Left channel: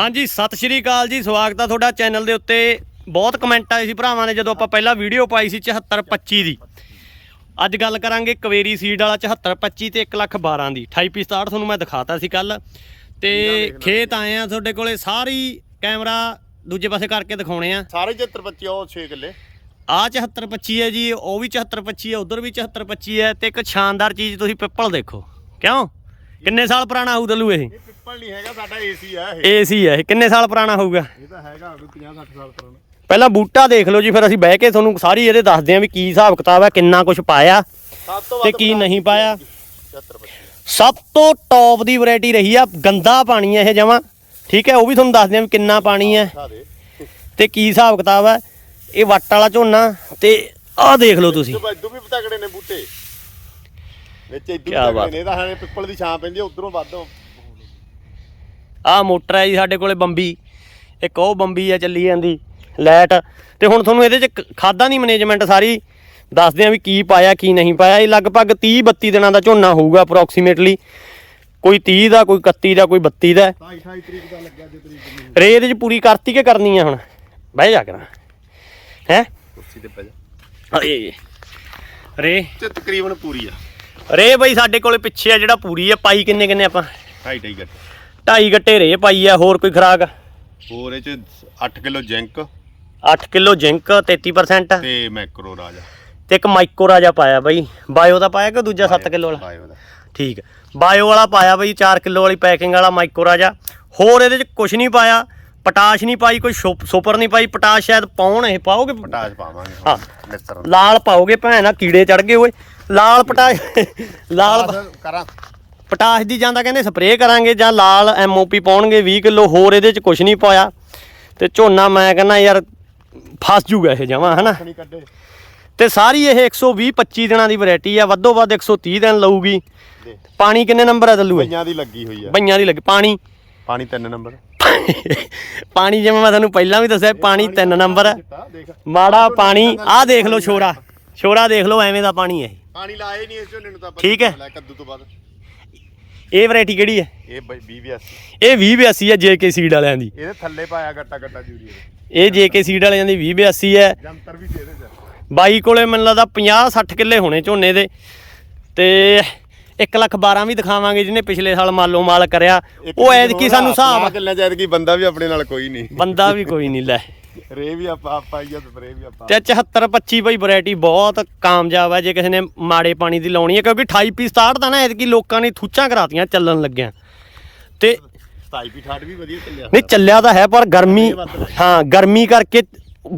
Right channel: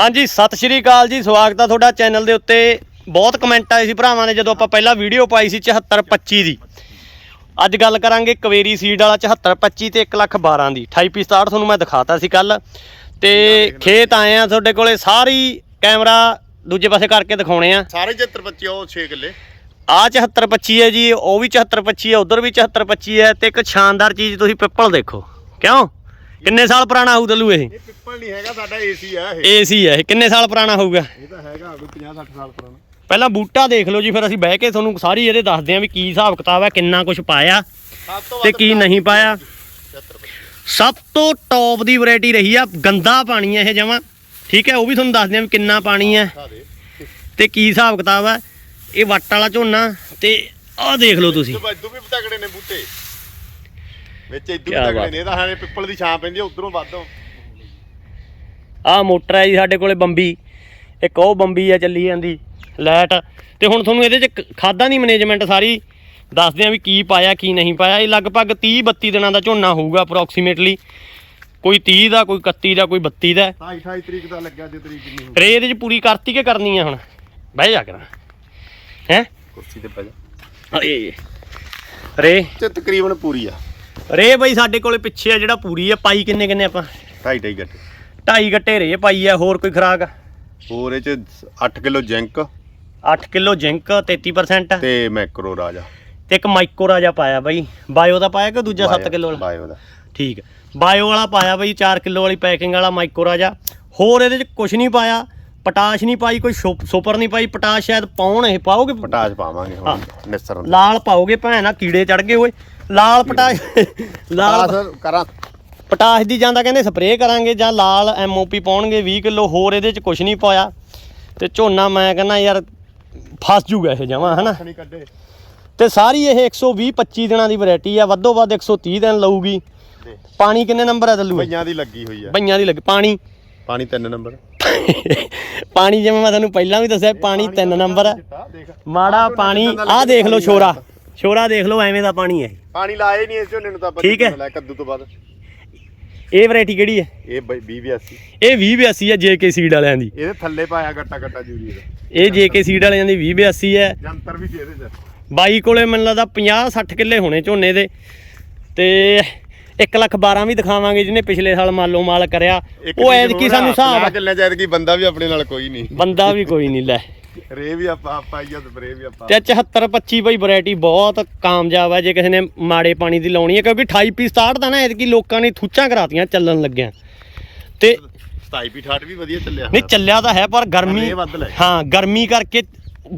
ਹਾਂਜੀ ਸਤਿ ਸ਼੍ਰੀ ਅਕਾਲ ਜੀ ਸਵਾਗਤ ਆ ਤੁਹਾਡਾ ਚੈਨਲ ਦੇ ਉੱਤੇ। ਬਹੁਤ ਕਮੈਂਟ ਆਏ ਸੀ ਭਰਾਵਾਂ ਨੇ ਜਦੋਂ ਆਪਾਂ ਪਹਿਲਾਂ ਵੀਡੀਓ ਪਾਈ ਸੀ 7425 ਦੀ। ਅੱਜ ਗੱਲ ਕਰਾਂਗੇ ਕਵੇਰੀ ਸੀਡ ਵਾਲਾ 7425 ਤੇ 1 ਲੱਖ 12 ਦੀ। 28 ਪੀ 67 ਤੁਹਾਨੂੰ ਮੈਂ ਦਿਖਾਤਾ ਸੀ ਕੱਲ ਤੇ ਖੇਤ ਆਏ ਆ ਤੁਹਾਡੇ ਕੋਲੇ ਸਾਰੀ ਕੈਮਰਾ ਦੂਜੇ ਪਾਸੇ ਕਰਕੇ ਦਿਖਾਉਣੇ ਆ। ਸਾਰੇ 74 ਬੱਚੇ ਉਹ 6 ਕਿੱਲੇ। ਆ 7425 ਹੈ ਜੀ ਉਹ ਵੀ 7425 ਹੈ ਉਧਰ ਵੀ 7425 ਹੈ ਤੇ ਇੱਕ ਸ਼ਾਨਦਾਰ ਚੀਜ਼ ਤੁਸੀਂ ਪਿੱਪਲ ਦੇਖੋ। ਕਿਉਂ? ਕਿੰਨੇ ਸਾਲ ਪੁਰਾਣਾ ਹੋਊ ਦਲੂ ਇਹ? ਇਹ ਪਿੱਪਲ ਨਹੀਂ ਹੈਗਾ ਸਾਡਾ ਏਸੀ ਆ ਇਹ। ਏਸੀ ਹੈ ਇਹ। ਕਿੰਨੇ ਸਾਲ ਪੁਰਾਣਾ ਹੋਊਗਾ? ਇਹ ਤਾਂ ਹੈਗਾ ਕੋਈ 50 60 ਸਾਲ ਪੁਰਾਣਾ। ਪਹਿਲਾਂ ਬੂਟਾ ਦੇਖ ਲਓ ਜੀ ਫਿਰ ਅਸੀਂ ਬਹਿ ਕੇ ਤੁਹਾਨੂੰ ਸਾਰੀ ਇਹਦੇ ਦੱਸਦੇ ਆਂ ਵੀ ਕੀ ਹਿਸਾਬ ਕਿਤਾਬ ਹੈ ਕਿੰਨਾ ਕੁਝ ਪਾਇਆ ਤੇ ਕੀ ਨਹੀਂ ਪਾਇਆ। ਸਭ ਤੋਂ ਟੌਪ ਦੀ ਵੈਰਾਈਟੀ ਰਹੀ ਆ ਗੰਦਾ ਪਾਣੀ ਹੈ ਇਹ ਜਮਾ। ਠੀਕ ਹੈ ਉਹ ਵੀ ਤੁਹਾਨੂੰ ਦੱਸਦੇ ਆਂ ਵੀ ਕਿੰਨਾ ਪਾਣੀ ਹੈ ਤੇ ਕੀ ਹਿਸਾਬ ਕਿਤਾਬ ਹੈ ਇਹ ਵੱਟ ਵਾਲਾ ਝੋਨਾ ਤੇ ਆਹ ਦੇਖ ਲਓ ਤੁਸੀਂ। ਇਦੋਂ ਇਦੋਂ ਵੀ ਪਤਕੜੇ ਨੇ ਬੂਟੇ। ਵਿੱਚ ਇਦੋਂ ਕਿਆ ਬਾਤ। ਨੇ ਤਾਂ ਹੈ ਪਿੱਪਲ ਦੀ ਛਾਂ ਪੈਂਦੀ ਆ ਉਧਰੋਂ ਵੱਧੋ ਆਹ ਮੋਟਰ ਹੈ ਜੀ ਸਾਡੇ ਕੋਲੇ ਬੰਬੀ ਇੱਕ ਉਹ ਬੰਬੀ ਆ ਚੱਲੀ ਜਾਂਦੀ ਲਾਈਟ। ਤੇ ਹੁਣ ਤੁਹਾਨੂੰ ਇਹਦੇ ਚ ਖਾਦਾਂ ਦੀ ਮੈਨੇਜਮੈਂਟ ਸਾਰੀ ਦੱਸਦੇ ਆ ਵੀ ਕੀ ਪਾਇਆ ਕੀ ਨਹੀਂ ਪਾਇਆ। ਇਹ ਲਗਭਗ 30 32 ਦਿਨਾਂ ਦਾ ਝੋਨਾ ਹੋਊਗਾ ਅਪਰੋਕਸੀਮੇਟਲੀ ਕੋਈ 30 ਦਾ ਕੋਈ 31 ਦਾ ਕੋਈ 32 ਦਾ। 28 28 ਤਰੀਕ ਦਾ ਲੱਗਿਆ ਜੇ ਤਰੀਕ ਨਹੀਂ ਰੇ ਇਹਦੇ ਚ ਪੂਰੀ ਕਰਤੀ ਕਿ ਕਰਨੀ ਆ ਹੁਣ? ਬਹਿ ਜਾ ਕਰਾਂ। ਹੈ? ਕੁਰਸੀ ਤੇ ਪੈ ਜਾ। ਅਰੇ ਰੇ। ਤੇ ਤਕਰੀਬਨ ਪੂਰੀ ਆ। ਰੇ ਬਈ ਸਾਡੇ ਕੋਲੇ ਪਿੱਛੇ ਆ ਜਿਹੜਾ ਪੂਰੀ ਆ ਪਾਈ ਕਿੰਨੇ ਕਿੰਨੇ ਆਪਾਂ? 2.5 2.5 ਗੱਟੇ। ਢਾਈ ਗੱਟੇ ਰੇ ਪਾਈ ਆ ਹੋਰ ਕੋਈ ਖਰਾਕ? ਹੋਰ ਇਹ ਚ 8 ਕਿਲੋ ਜਿੰਕ। 8 ਕਿਲੋ ਜ਼ਿੰਕ 33% ਤੇ ਮੈਕਰੋ ਰਾਜਾ। ਤੇ ਇੱਕ ਮਾਈਕੋ ਰਾਜਾ ਪਾਇਆ ਬਈ। ਬਾਇਓ ਦਾ ਪਾਇਆ ਕਿ ਦੂਜਾ 7 ਕਿਲੋ ਵਾਲਾ? ਬਾਇਓ ਦਾ। ਠੀਕ ਬਾਇਓ ਵਾਲਾ ਪਾਇਆ ਬਈ 4 ਕਿਲੋ ਵਾਲੀ ਪੈਕਿੰਗ ਵਾਲਾ ਮਾਈਕੋ ਰਾਜਾ। ਹੋਰ ਇਹਦੇ ਚ ਕੁਝ ਨਹੀਂ ਪਾਇਆ। ਪਟਾਸ਼ ਨਹੀਂ ਪਾਈ ਕੋਈ ਸੁਪ- ਸੁਪਰ ਨਹੀਂ ਪਾਈ। ਪਟਾਸ਼ ਸ਼ਾਇਦ ਪਾਉਣ ਇਹ ਪਾਓਗੇ? ਪਟਾਸ਼ ਪਾਵਾਂਗੇ ਹਾਂ। ਲਾਲ ਪਾਓਗੇ ਭੈਣਾ ਕੀੜੇ ਚੜ ਗਏ ਓਏ। ਲਾਲ ਪਟਾਸ਼ ਲਾਲ ਪਟਾਸ਼ ਕਰਾਂ। ਪਟਾਸ਼ ਦੀ ਜਾਂਦਾ ਕਹਿੰਦੇ ਸਪਰੇਅ ਕਰਾਂਗੇ ਜਾਂ ਲਾਲ ਐਮਓਪੀ ਪਾਉਣਗੇ 20 ਕਿਲੋ ਹੋਰ ਇਹਦੇ ਚ ਕੁਝ ਨਹੀਂ ਪਾਇਆ। ਤੇ ਝੋਨਾ ਮੈਂ ਕਹਿੰਦਾ ਯਾਰ ਫਸ ਜੂਗਾ ਇਹ ਜਮਾ ਹਨਾ? ਨਹੀਂ ਕੱਢੇ। ਤੇ ਸਾਰੀ ਇਹ 120 25 ਦਿਨਾਂ ਦੀ ਵੈਰਾਈਟੀ ਆ ਵੱਧੋ ਵੱਧ 130 ਦਿਨ ਲਊਗੀ। ਦੇ। ਪਾਣੀ ਕਿੰਨੇ ਨੰਬਰ ਆ ਦੱਲੂ ਇਹ? ਪਈਆਂ ਦੀ ਲੱਗੀ ਹੋਈ ਆ। ਬਈਆਂ ਦੀ ਲੱਗ ਪਾਣੀ? ਪਾਣੀ 3 ਨੰਬਰ। ਪਾਣੀ ਜਿਵੇਂ ਮੈਂ ਤੁਹਾਨੂੰ ਪਹਿਲਾਂ ਵੀ ਦੱਸਿਆ ਪਾਣੀ 3 ਨੰਬਰ ਆ। ਦੇਖ। ਮਾੜਾ ਪਾਣੀ ਆਹ ਦੇਖ ਲਓ ਛੋਰਾ। ਛੋਰਾ ਦੇਖ ਲਓ ਐਵੇਂ ਦਾ ਪਾਣੀ ਹੈ ਇਹ। ਪਾਣੀ ਲਾਏ ਨਹੀਂ ਇਸ ਝੋਨੇ ਨੂੰ ਤਾਂ ਆਪਾਂ ਠੀਕ ਹੈ। ਲੈ ਕੱਦੂ ਤੋਂ ਬਾਅਦ। ਇਹ ਵੈਰਾਈਟੀ ਕਿਹੜੀ ਹੈ? ਇਹ 20 82 ਇਹ 2082 ਹੈ ਜੇਕੇ ਸੀਡ ਵਾਲਿਆਂ ਦੀ। ਇਹਦੇ ਥੱਲੇ ਪਾਇਆ ਗੱਟਾ ਗੱਟਾ ਜੂਰੀ ਦੇ ਇਹ ਜੇਕੇ ਸੀਡ ਵਾਲਿਆਂ ਦੀ 2082 ਹੈ। ਜੰਤਰ ਵੀ ਸੀ ਇਹਦੇ ਚ। ਬਾਈ ਕੋਲੇ ਮੈਨੂੰ ਲੱਗਦਾ 50 60 ਕਿੱਲੇ ਹੋਣੇ ਝੋਨੇ ਦੇ। ਤੇ 1 ਲੱਖ 12 ਵੀ ਦਿਖਾਵਾਂਗੇ ਜਿਹਨੇ ਪਿਛਲੇ ਸਾਲ ਮਾਲੋ ਮਾਲ ਕਰਿਆ। ਉਹ ਐਤਕੀ ਸਾਨੂੰ ਹਿਸਾਬ ਆ। ਚੱਲਣਾ ਚਾਹੀਦਾ ਕਿ ਬੰਦਾ ਵੀ ਆਪਣੇ ਨਾਲ ਕੋਈ ਨਹੀਂ। ਬੰਦਾ ਵੀ ਕੋਈ ਨਹੀਂ ਲੈ। ਰੇ ਵੀ ਆਪਾਂ ਆਪਾਂ ਹੀ ਆ ਸਪਰੇ ਵੀ ਆਪਾਂ। ਤੇ 74 25 ਬਈ ਵੈਰਾਈਟੀ ਬਹੁਤ ਕਾਮਯਾਬ ਹੈ ਜੇ ਕਿਸੇ ਨੇ ਮਾੜੇ ਪਾਣੀ ਦੀ ਲਾਉਣੀ ਹੈ ਕਿਉਂਕਿ 28 ਪੀ 67 ਦਾ ਨਾ ਐਤਕੀ ਲੋਕਾਂ ਨੇ ਥੁੱਚਾਂ ਕਰਾਤੀਆਂ ਚੱਲਣ ਲੱਗਿਆ। ਤੇ 27 ਵੀ 68 ਵੀ ਵਧੀਆ ਚੱਲਿਆ ਨਹੀਂ ਚੱਲਿਆ ਤਾਂ ਹੈ ਪਰ ਗਰਮੀ। ਹਾਂ ਗਰਮੀ ਕਰਕੇ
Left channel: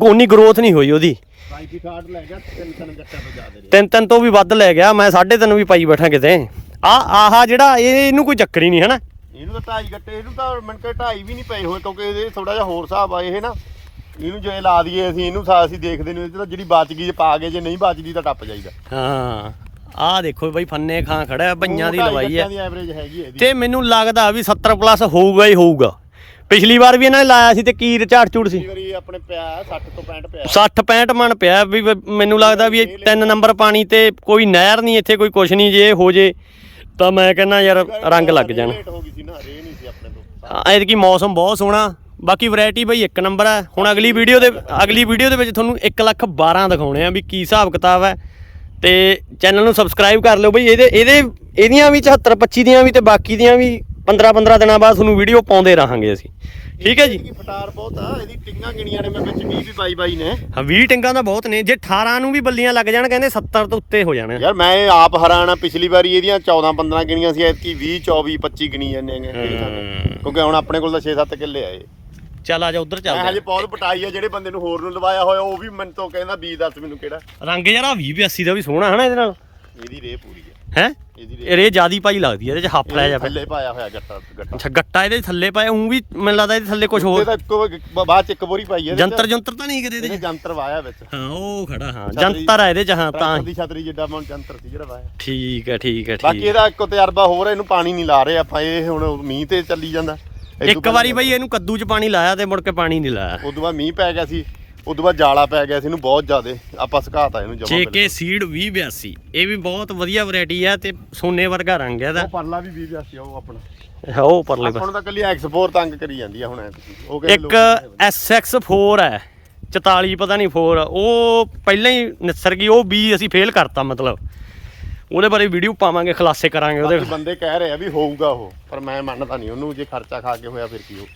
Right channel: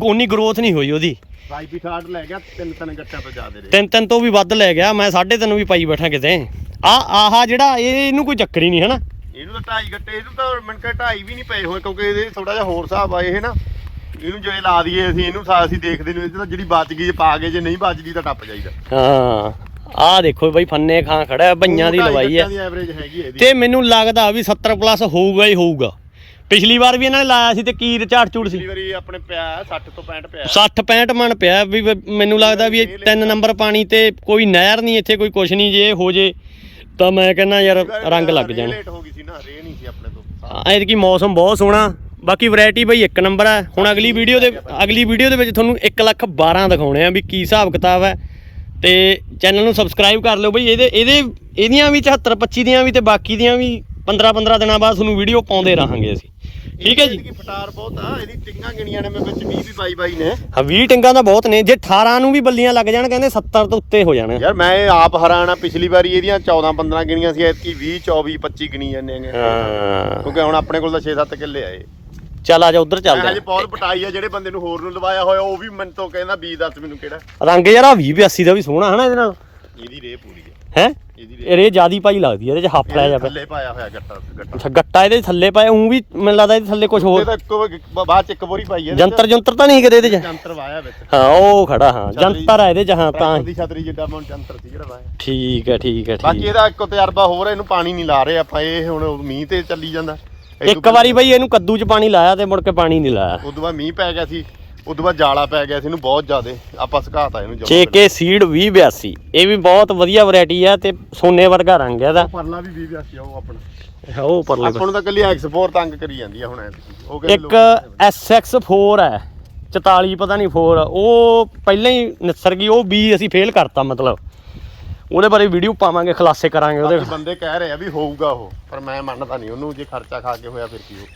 ਉਨੀ ਗਰੋਥ ਨਹੀਂ ਹੋਈ ਉਹਦੀ। 27 ਵੀ 68 ਲੈ ਗਿਆ ਤਿੰਨ ਤਿੰਨ ਗੱਟਾ ਤੋਂ ਜ਼ਿਆਦਾ ਰੇ ਤਿੰਨ ਤਿੰਨ ਤੋਂ ਵੀ ਵੱਧ ਲੈ ਗਿਆ ਮੈਂ 3.5 ਵੀ ਪਾਈ ਬੈਠਾ ਕਿਤੇ। ਆ ਆਹਾ ਜਿਹੜਾ ਇਹ ਇਹਨੂੰ ਕੋਈ ਚੱਕਰ ਹੀ ਨਹੀਂ ਹਨਾ? ਇਹਨੂੰ ਤਾਂ ਢਾਈ ਗੱਟੇ ਇਹਨੂੰ ਤਾਂ ਮਿੰਟ ਢਾਈ ਵੀ ਨਹੀਂ ਪਏ ਹੋਏ ਕਿਉਂਕਿ ਇਹਦੇ ਥੋੜਾ ਜਿਹਾ ਹੋਰ ਹਿਸਾਬ ਆ ਇਹ ਨਾ। ਇਹਨੂੰ ਜੇ ਲਾ ਦਈਏ ਅਸੀਂ ਇਹਨੂੰ ਸਾ- ਅਸੀਂ ਦੇਖਦੇ ਨਹੀਂ ਤਾਂ ਜਿਹੜੀ ਬਚ ਗਈ ਜੇ ਪਾ ਕੇ ਜੇ ਨਹੀਂ ਬਚਦੀ ਤਾਂ ਟੱਪ ਜਾਈਦਾ। ਹਾਂ। ਆਹ ਦੇਖੋ ਬਈ ਫੰਨੇ ਖਾਂ ਖੜਾ ਬਈਆਂ ਦੀ ਲਵਾਈ ਹੈ। ਤੇ ਮੈਨੂੰ ਲੱਗਦਾ ਵੀ 70 ਪਲੱਸ ਹੋਊਗਾ ਹੀ ਹੋਊਗਾ। ਪਿਛਲੀ ਵਾਰ ਵੀ ਇਹਨਾਂ ਨੇ ਲਾਇਆ ਸੀ ਤੇ ਕੀ ਝਾੜ ਝੂੜ ਸੀ? ਪਿਛਲੀ ਵਾਰੀ ਆਪਣੇ ਪਿਆ 60 ਤੋਂ 65 ਪਿਆ। 60 65 ਮਣ ਪਿਆ ਵੀ ਮੈਨੂੰ ਲੱਗਦਾ ਵੀ ਇਹ ਤਿੰਨ ਨੰਬਰ ਪਾਣੀ ਤੇ ਕੋਈ ਨਹਿਰ ਨਹੀਂ ਇੱਥੇ ਕੋਈ ਕੁਛ ਨਹੀਂ ਜੇ ਹੋ ਜੇ ਤਾਂ ਮੈਂ ਕਹਿੰਦਾ ਯਾਰ ਰੰਗ ਲੱਗ ਜਾਣ। ਲੇਟ ਹੋ ਗਈ ਸੀ ਨਾ ਰੇ ਨਹੀਂ ਸੀ ਆਪਣੇ ਤੋਂ। ਐਤਕੀ ਮੌਸਮ ਬਹੁਤ ਸੋਹਣਾ ਬਾਕੀ ਵੈਰਾਈਟੀ ਬਈ ਇੱਕ ਨੰਬਰ ਹੈ ਹੁਣ ਅਗਲੀ ਵੀਡੀਓ ਦੇ ਅਗਲੀ ਵੀਡੀਓ ਦੇ ਵਿੱਚ ਤੁਹਾਨੂੰ 1 ਲੱਖ 12 ਦਿਖਾਉਣੇ ਆ ਵੀ ਕੀ ਹਿਸਾਬ ਕਿਤਾਬ ਹੈ। ਤੇ ਚੈਨਲ ਨੂੰ ਸਬਸਕ੍ਰਾਈਬ ਕਰ ਲਿਓ ਬਈ ਇਹਦੇ ਇਹਦੇ ਇਹਦੀਆਂ ਵੀ 74 25 ਦੀਆਂ ਵੀ ਤੇ ਬਾਕੀ ਦੀਆਂ ਵੀ 15 15 ਦਿਨਾਂ ਬਾਅਦ ਤੁਹਾਨੂੰ ਵੀਡੀਓ ਪਾਉਂਦੇ ਰਹਾਂਗੇ ਅਸੀਂ। ਠੀਕ ਹੈ ਜੀ। ਫਟਾਰ ਬਹੁਤ ਆ ਇਹਦੀ ਟਿੰਗਾਂ ਗਿਣੀਆਂ ਨੇ ਮੈਂ ਵਿੱਚ 20 ਵੀ ਬਾਈ ਬਾਈ ਨੇ। ਹਾਂ 20 ਟਿੰਗਾਂ ਦਾ ਬਹੁਤ ਨੇ। ਜੇ 18 ਨੂੰ ਵੀ ਬੱਲੀਆਂ ਲੱਗ ਜਾਣ ਕਹਿੰਦੇ 70 ਤੋਂ ਉੱਤੇ ਹੋ ਜਾਣਾ। ਯਾਰ ਮੈਂ ਆਪ ਹੈਰਾਨ ਆ ਪਿਛਲੀ ਵਾਰੀ ਇਹਦੀਆਂ 14 15 ਗਿਣੀਆਂ ਸੀ ਐਤਕੀ 20 24 25 ਗਿਣੀ ਜਾਂਦੇ ਨੇ ਹਾਂ। ਕਿਉਂਕਿ ਹੁਣ ਆਪਣੇ ਕੋਲ ਤਾਂ 6-7 ਕਿੱਲੇ ਆਏ ਚੱਲ ਆ ਜਾ ਉਧਰ ਚੱਲਦੇ ਹਜੇ ਬਹੁਤ ਪਟਾਈ ਆ ਜਿਹੜੇ ਬੰਦੇ ਨੂੰ ਹੋਰ ਨੂੰ ਲਵਾਇਆ ਹੋਇਆ ਉਹ ਵੀ ਮੈਨੂੰ ਤੋਂ ਕਹਿੰਦਾ ਬੀਜ ਦੱਸ ਮੈਨੂੰ ਕਿਹੜਾ। ਆ ਰੰਗ ਯਾਰ ਆ 20 82 ਦਾ ਵੀ ਸੋਹਣਾ ਹਨਾ ਇਹਦੇ ਨਾਲ? ਇਹਦੀ ਰੇ ਪੂਰੀ ਹੈ ਹੈ? ਇਹਦੀ ਇਹ ਰੇ ਜਿਆਦੀ ਪਾਈ ਲੱਗਦੀ ਹੈ ਇਹਦੇ ਚ ਹੱਫ ਲੈ ਜਾ ਥੱਲੇ ਪਾਇਆ ਹੋਇਆ ਗੱਟਾ। ਅੱਛਾ ਗੱਟਾ ਇਹਦੇ ਥੱਲੇ ਪਾਇਆ ਉਂ ਵੀ ਮੈਨੂੰ ਲੱਗਦਾ ਇਹਦੇ ਥੱਲੇ ਕੁਝ ਹੋਰ। ਬਾਅਦ ਚ ਇੱਕ ਬੋਰੀ ਪਾਈ ਹੈ ਜੰਤਰ ਜੰਤਰ ਤਾਂ ਨਹੀਂ ਕਿਤੇ ਇਹਦੇ ਚ? ਜੰਤਰ ਵਾਇਆ ਵਿੱਚ। ਹਾਂ ਉਹ ਖੜਾ ਹਾਂ ਜੰਤਰ ਹੈ ਇਹਦੇ ਚ ਹਾਂ ਤਾਂ ਦੀ ਛਤਰੀ ਜਿੱਡਾ ਮਨ ਜੰਤਰ ਸੀ ਜਿਹੜਾ ਪਾਇਆ। ਠੀਕ ਹੈ ਠੀਕ ਹੈ ਬਾਕੀ ਠੀਕ ਹੈ। ਇਹਦਾ ਇੱਕ ਤਜਰਬਾ ਹੋਰ ਇਹਨੂੰ ਪਾਣੀ ਨਹੀਂ ਲਾ ਰਹੇ ਆਪਾਂ ਇਹ ਹੁਣ ਮੀਂਹ ਤੇ ਚੱਲੀ ਜਾਂਦਾ। ਇੱਕ ਵਾਰੀ ਬਈ ਇਹਨੂੰ ਕੱਦੂ ਚ ਪਾਣੀ ਲਾਇਆ ਤੇ ਮੁੜ ਕੇ ਪਾਣੀ ਨਹੀਂ ਲਾਇਆ। ਉਦੋਂ ਬਾਅਦ ਮੀਂਹ ਪੈ ਗਿਆ ਸੀ। ਉਦੋਂ ਬਾਅਦ ਜਾਲਾ ਪੈ ਗਿਆ ਸੀ ਇਹਨੂੰ ਬਹੁਤ ਜ਼ਿਆਦੇ ਆਪਾਂ ਸੁਕਾਤਾ ਇਹਨੂੰ ਜਮਾਂ JK ਸੀਡ 2082 ਇਹ ਵੀ ਬਹੁਤ ਵਧੀਆ ਵੈਰਾਈਟੀ ਆ ਤੇ ਸੋਨੇ ਵਰਗਾ ਰੰਗ ਹੈ ਇਹਦਾ। ਪਰਲਾ ਵੀ 20 ਜਾਸੀ ਆ ਉਹ ਆਪਣਾ। ਉਹ ਪਰਲੇ ਪਾਸੇ। ਹੁਣ ਤਾਂ ਕੱਲੀ ਐਕਸਪੋਰ ਤੰਗ ਕਰੀ ਜਾਂਦੀ ਆ ਹੁਣ ਐ ਉਹ ਕਹਿੰਦੇ ਇੱਕ SX4 ਹੈ 44 ਪਤਾ ਨਹੀਂ 4 ਉਹ ਪਹਿਲਾਂ ਹੀ ਨਿਸਰ ਗਈ ਉਹ ਵੀ ਅਸੀਂ ਫੇਲ ਕਰਤਾ ਮਤਲਬ। ਉਹਦੇ ਬਾਰੇ ਵੀਡੀਓ ਪਾਵਾਂਗੇ ਖਲਾਸੇ ਕਰਾਂਗੇ ਉਹਦੇ ਲੋਕ ਬੰਦੇ ਕਹਿ ਰਹੇ ਆ ਵੀ ਹੋਊਗਾ ਉਹ ਪਰ ਮੈਂ ਮੰਨਦਾ ਨਹੀਂ ਉਹਨੂੰ ਜੇ ਖਰਚਾ ਖਾ ਕੇ ਹੋਇਆ ਫਿਰ ਕੀ ਹੋਊ।